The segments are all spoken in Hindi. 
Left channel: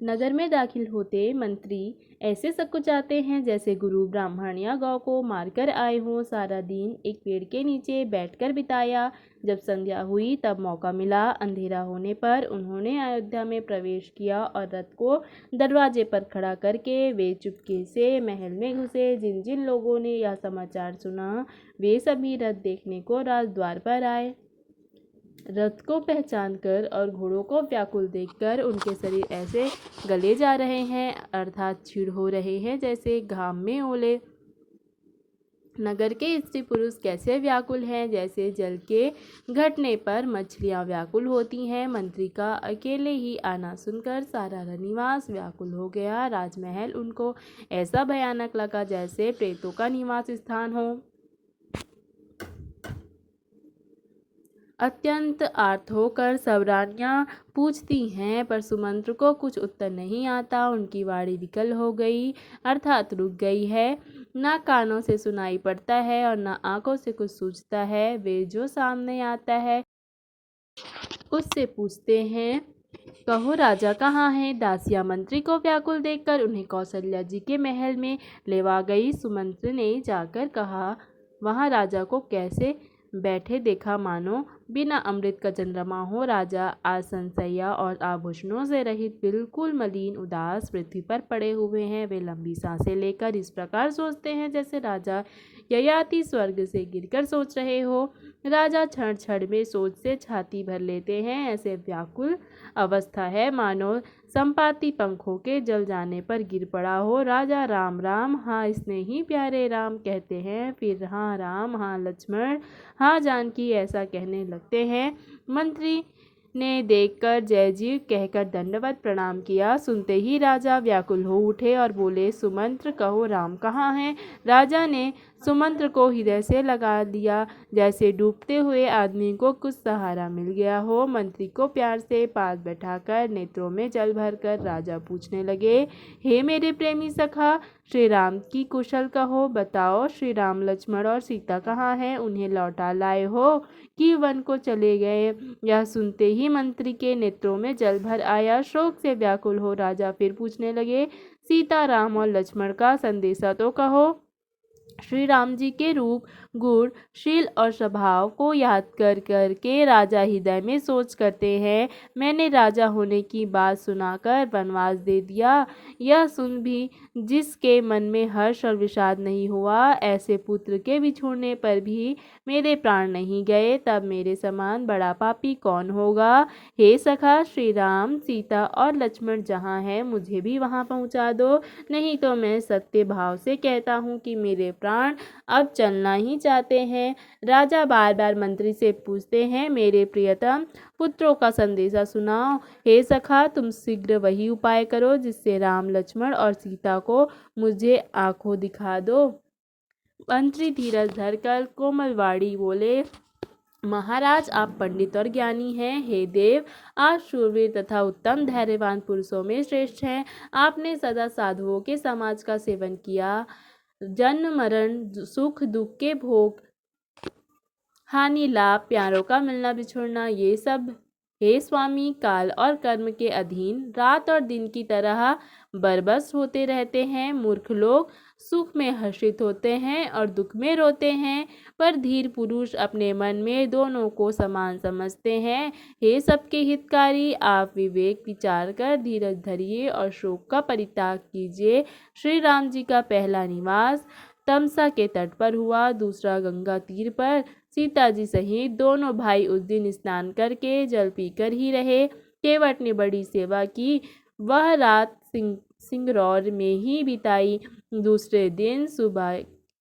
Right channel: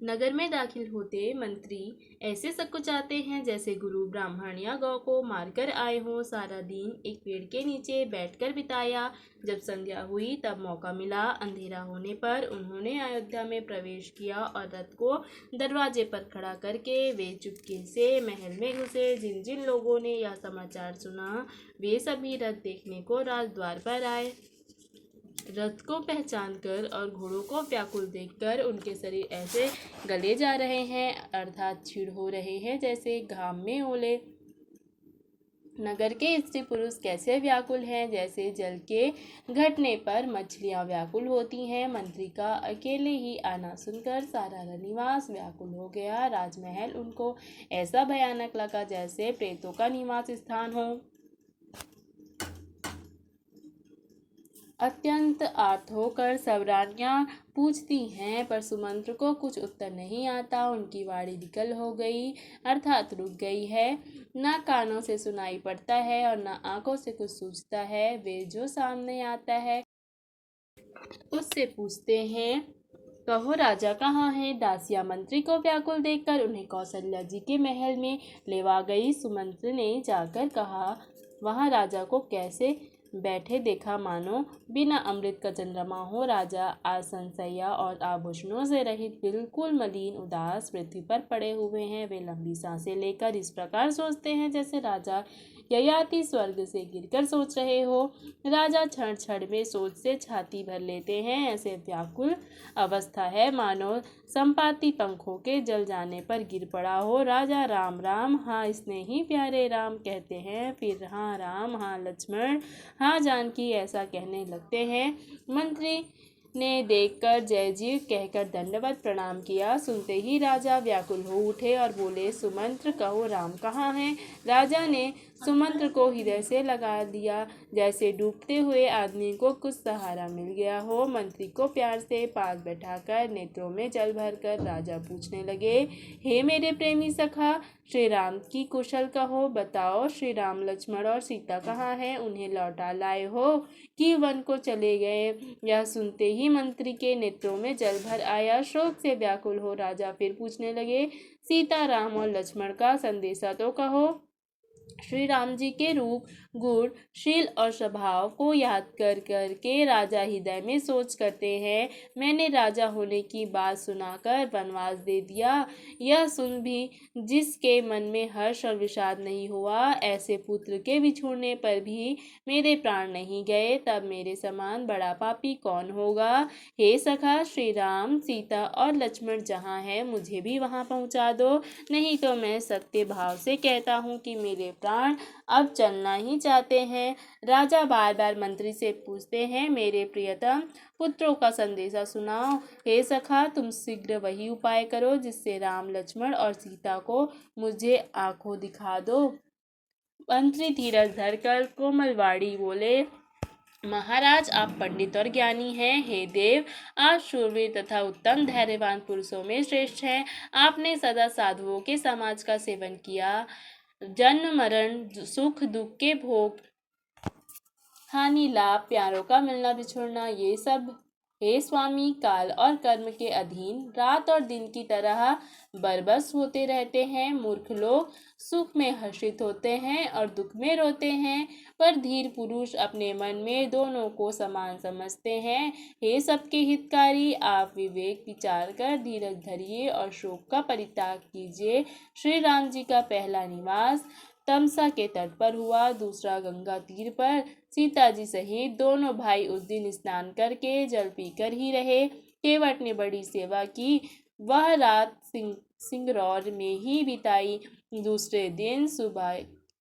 नगर में दाखिल होते मंत्री ऐसे सकुचाते हैं जैसे गुरु ब्राह्मण या गौ को मारकर आए हों। सारा दिन एक पेड़ के नीचे बैठकर बिताया। जब संध्या हुई तब मौका मिला। अंधेरा होने पर उन्होंने अयोध्या में प्रवेश किया और रथ को दरवाजे पर खड़ा करके वे चुपके से महल में घुसे। जिन जिन लोगों ने यह समाचार सुना वे सभी रथ देखने को राजद्वार पर आए। रथ को पहचानकर और घोड़ों को व्याकुल देखकर उनके शरीर ऐसे गले जा रहे हैं अर्थात क्षीण हो रहे हैं जैसे घाम में ओले। नगर के स्त्री पुरुष कैसे व्याकुल हैं जैसे जल के घटने पर मछलियां व्याकुल होती हैं। मंत्री का अकेले ही आना सुनकर सारा रनिवास व्याकुल हो गया। राजमहल उनको ऐसा भयानक लगा जैसे प्रेतों का निवास स्थान हो। अत्यंत आर्त होकर सब रानियां पूछती हैं पर सुमंत्र को कुछ उत्तर नहीं आता। उनकी वाणी विकल हो गई अर्थात रुक गई है। ना कानों से सुनाई पड़ता है और ना आंखों से कुछ सूझता है। वे जो सामने आता है उससे पूछते हैं, कहो राजा कहाँ है। दासियां मंत्री को व्याकुल देखकर उन्हें कौशल्या जी के महल में लेवा गई। सुमंत्र ने जाकर कहा, वहाँ राजा को कैसे बैठे देखा मानो बिना अमृत का चंद्रमा हो। राजा आसन सैया और आभूषणों से रहित बिल्कुल मलिन उदास पृथ्वी पर पड़े हुए हैं। वे लंबी सांसें लेकर इस प्रकार सोचते हैं जैसे राजा ययाति स्वर्ग से गिरकर सोच रहे हो। राजा क्षण क्षण में सोच से छाती भर लेते हैं। ऐसे व्याकुल अवस्था है मानो संपाति पंखों के जल जाने पर गिर पड़ा हो। राजा राम राम हाँ स्नेही प्यारे राम कहते हैं, फिर हाँ राम हाँ लक्ष्मण हाँ जानकी ऐसा कहने लगते हैं। मंत्री ने देखकर जय जी कहकर दंडवत प्रणाम किया। सुनते ही राजा व्याकुल हो उठे और बोले, सुमंत्र कहो राम कहाँ हैं। राजा ने सुमंत्र को हृदय से लगा दिया जैसे डूबते हुए आदमी को कुछ सहारा मिल गया हो। मंत्री को प्यार से पास बैठाकर नेत्रों में जल भरकर राजा पूछने लगे, हे मेरे प्रेमी सखा श्री राम की कुशल कहो। बताओ श्री राम लक्ष्मण और सीता कहाँ हैं। उन्हें लौटा लाए हो कि वन को चले गए। यह सुनते ही मंत्री के नेत्रों में जल भर आया। शोक से व्याकुल हो राजा फिर पूछने लगे, सीता राम और लक्ष्मण का संदेशा तो कहो। श्री राम जी के रूप गुण शील और स्वभाव को याद कर करके राजा हृदय में सोच करते हैं, मैंने राजा होने की बात सुनाकर वनवास दे दिया। यह सुन भी जिसके मन में हर्ष और विषाद नहीं हुआ, ऐसे पुत्र के बिछुड़ने पर भी मेरे प्राण नहीं गए, तब मेरे समान बड़ा पापी कौन होगा। हे सखा श्री राम सीता और लक्ष्मण जहाँ हैं मुझे भी वहाँ पहुँचा दो, नहीं तो मैं सत्य भाव से कहता हूँ कि मेरे प्राण अब चलना ही चाहते हैं। राजा बार बार मंत्री से पूछते हैं, मेरे प्रियतम पुत्रों का संदेशा सुनाओ। हे सखा तुम शीघ्र वही उपाय करो जिससे राम लक्ष्मण और सीता को मुझे आंखों दिखा दो। मंत्री धीरज धरकर कोमलवाड़ी बोले, महाराज आप पंडित और ज्ञानी हैं। हे देव आप शूरवीर तथा उत्तम धैर्यवान पुरुषों में श्रेष्ठ हैं। आपने सदा साधुओं के समाज का सेवन किया। जन्म मरण सुख दुख के भोग हानि लाभ प्यारों का मिलना बिछुड़ना ये सब हे स्वामी काल और कर्म के अधीन रात और दिन की तरह बरबस होते रहते हैं। मूर्ख लोग सुख में हर्षित होते हैं और दुख में रोते हैं, पर धीर पुरुष अपने मन में दोनों को समान समझते हैं। हे सबके हितकारी आप विवेक विचार कर धीरज धरिए और शोक का परित्याग कीजिए। श्री राम जी का पहला निवास तमसा के तट पर हुआ, दूसरा गंगा तीर पर। सीता जी सहित दोनों भाई उस दिन स्नान करके जल पीकर ही रहे। केवट ने बड़ी सेवा की, वह रात सिंगरौर में ही बिताई। दूसरे दिन सुबह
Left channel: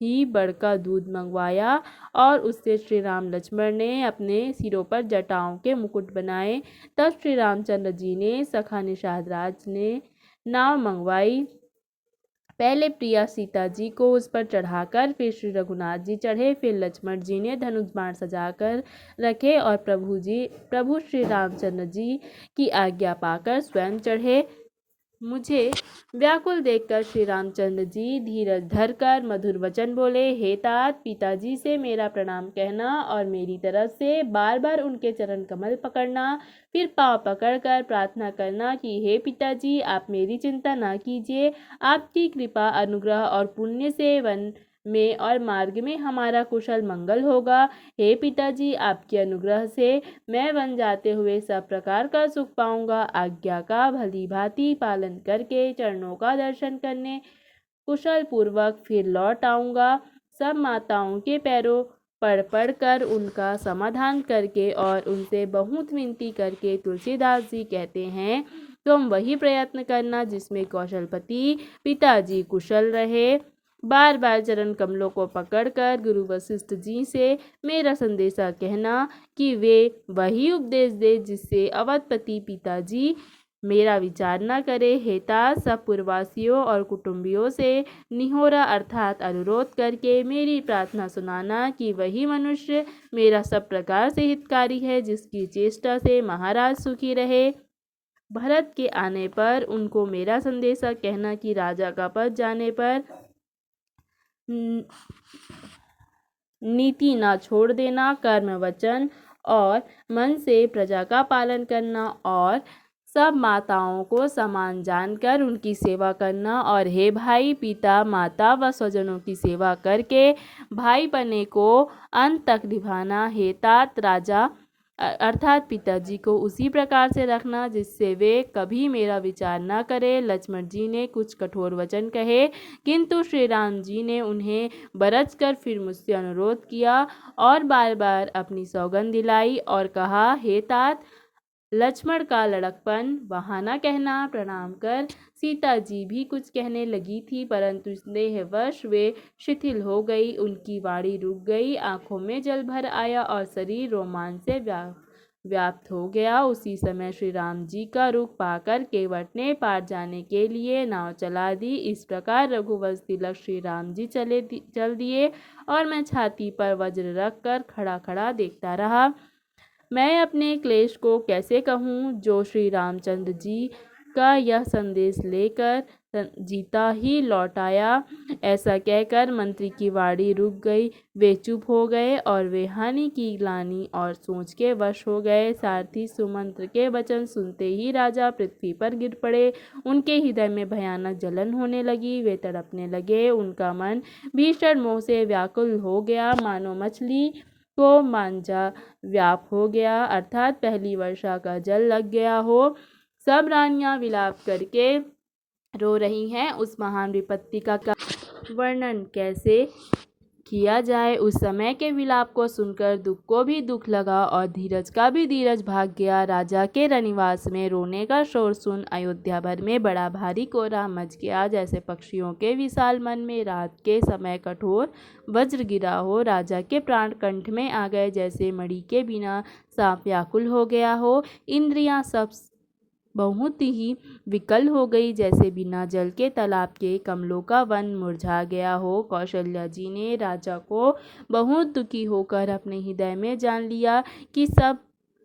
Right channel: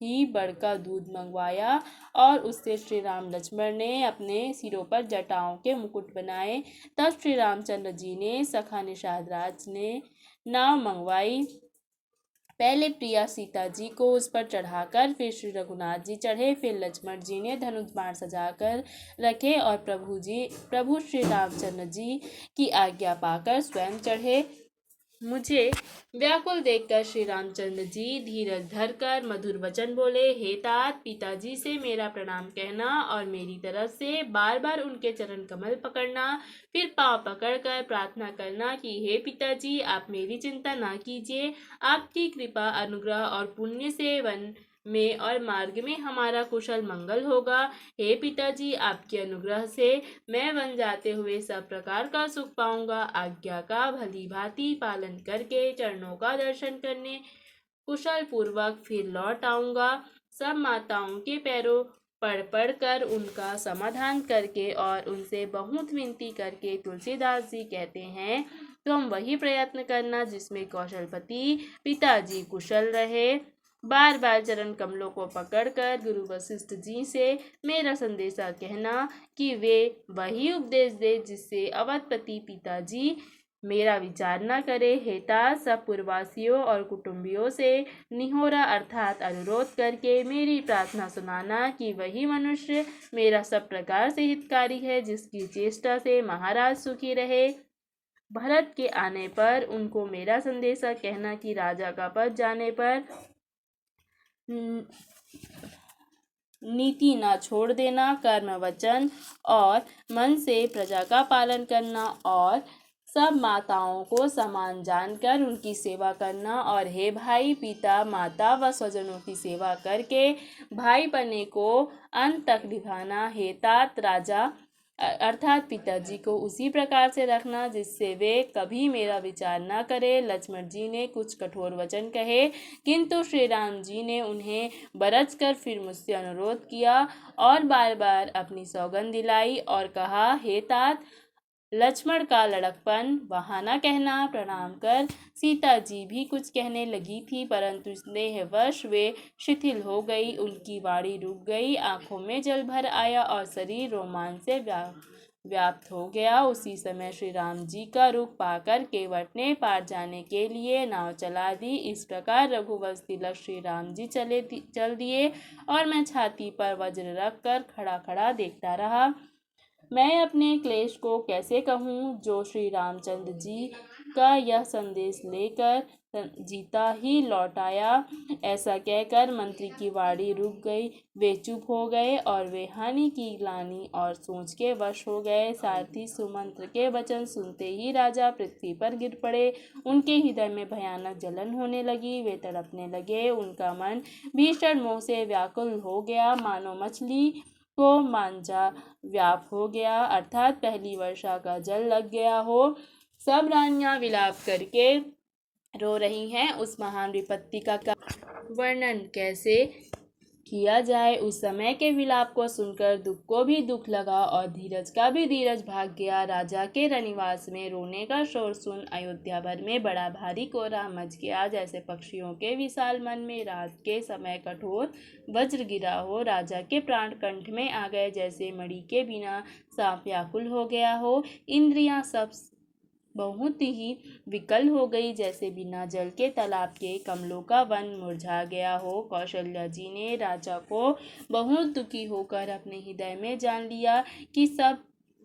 ही बड़का दूध मंगवाया और उससे श्री राम लक्ष्मण ने अपने सिरों पर जटाओं के मुकुट बनाए। तब श्री रामचंद्र जी ने सखा निषाद राज ने नाव मंगवाई। पहले प्रिया सीता जी को उस पर चढ़ाकर फिर श्री रघुनाथ जी चढ़े, फिर लक्ष्मण जी ने धनुष बाण सजाकर रखे और प्रभु श्री रामचंद्र जी की आज्ञा पाकर स्वयं चढ़े। मुझे व्याकुल देखकर श्री रामचंद्र जी धीरज धरकर मधुर वचन बोले, हे तात, पिताजी से मेरा प्रणाम कहना और मेरी तरफ से बार बार उनके चरण कमल पकड़ना, फिर पांव पकड़कर प्रार्थना करना कि हे पिताजी, आप मेरी चिंता ना कीजिए। आपकी कृपा, अनुग्रह और पुण्य से वन में और मार्ग में हमारा कुशल मंगल होगा। हे पिताजी, आपके अनुग्रह से मैं वन जाते हुए सब प्रकार का सुख पाऊंगा। आज्ञा का भली भांति पालन करके चरणों का दर्शन करने कुशल पूर्वक फिर लौट आऊंगा। सब माताओं के पैरों पड़ कर उनका समाधान करके और उनसे बहुत विनती करके तुलसीदास जी कहते हैं, तुम वही प्रयत्न करना जिसमें कौशलपति पिताजी कुशल रहे। बार बार चरण कमलों को पकड़कर गुरु वशिष्ठ जी से मेरा संदेशा कहना कि वे वही उपदेश दे जिससे अवधपति पिताजी मेरा विचार न करे। हेता सब पूर्ववासियों और कुटुंबियों से निहोरा अर्थात अनुरोध करके मेरी प्रार्थना सुनाना कि वही मनुष्य मेरा सब प्रकार से हितकारी है जिसकी चेष्टा से महाराज सुखी रहे। भरत के आने पर उनको मेरा संदेशा कहना कि राजा का पद जाने पर नीति ना छोड़ देना, कर्म वचन और मन से प्रजा का पालन करना और सब माताओं को समान जानकर उनकी सेवा करना और हे भाई, पिता, माता व स्वजनों की सेवा करके भाईपने को अंत तक निभाना। हे तात, राजा अर्थात पिताजी को उसी प्रकार से रखना जिससे वे कभी मेरा विचार न करें। लक्ष्मण जी ने कुछ कठोर वचन कहे, किंतु श्री राम जी ने उन्हें बरच कर फिर मुझसे अनुरोध किया और बार बार अपनी सौगंध दिलाई और कहा, हे तात, लक्ष्मण का लड़कपन बहाना कहना। प्रणाम कर सीता जी भी कुछ कहने लगी थी, परंतु स्नेहवश वे शिथिल हो गई। उनकी वाणी रुक गई, आंखों में जल भर आया और शरीर रोमांच से व्याप्त हो गया। उसी समय श्री राम जी का रुख पाकर केवट ने पार जाने के लिए नाव चला दी। इस प्रकार रघुवंश तिलक श्री राम जी चल दिए और मैं छाती पर वज्र रख कर खड़ा खड़ा देखता रहा। मैं अपने क्लेश को कैसे कहूँ जो श्री रामचंद्र जी का यह संदेश लेकर जीता ही लौट आया। ऐसा कहकर मंत्री की वाणी रुक गई। वे चुप हो गए और वे हानि की ग्लानि और सोच के वश हो गए। सारथी सुमंत्र के वचन सुनते ही राजा पृथ्वी पर गिर पड़े। उनके हृदय में भयानक जलन होने लगी, वे तड़पने लगे। उनका मन भीषण मोह से व्याकुल हो गया, मानो मछली को मांझा व्याप हो गया अर्थात पहली वर्षा का जल लग गया हो। सब रानियां विलाप करके रो रही हैं। उस महान विपत्ति का वर्णन कैसे किया जाए। उस समय के विलाप को सुनकर दुख को भी दुख लगा और धीरज का भी धीरज भाग गया। राजा के रनिवास में रोने का शोर सुन अयोध्या भर में बड़ा भारी कोहरा मच गया, जैसे पक्षियों के विशाल मन में रात के समय कठोर वज्र गिरा हो। राजा के प्राण कंठ में आ गए, जैसे मणि के बिना सांप व्याकुल हो गया हो। इंद्रियां सब बहुत ही विकल हो गई, जैसे बिना जल के तालाब के कमलों का वन मुरझा गया हो। कौशल्या जी ने राजा को बहुत दुखी होकर अपने हृदय में जान लिया कि सब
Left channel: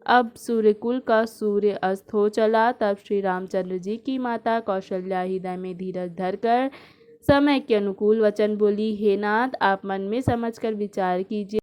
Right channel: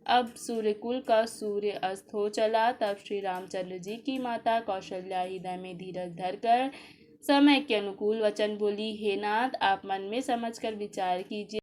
अब सूर्यकुल का सूर्य अस्त हो चला। तब श्री रामचंद्र जी की माता कौशल्या हृदय में धीरज धरकर समय के अनुकूल वचन बोली, हे नाथ, आप मन में समझकर विचार कीजिए।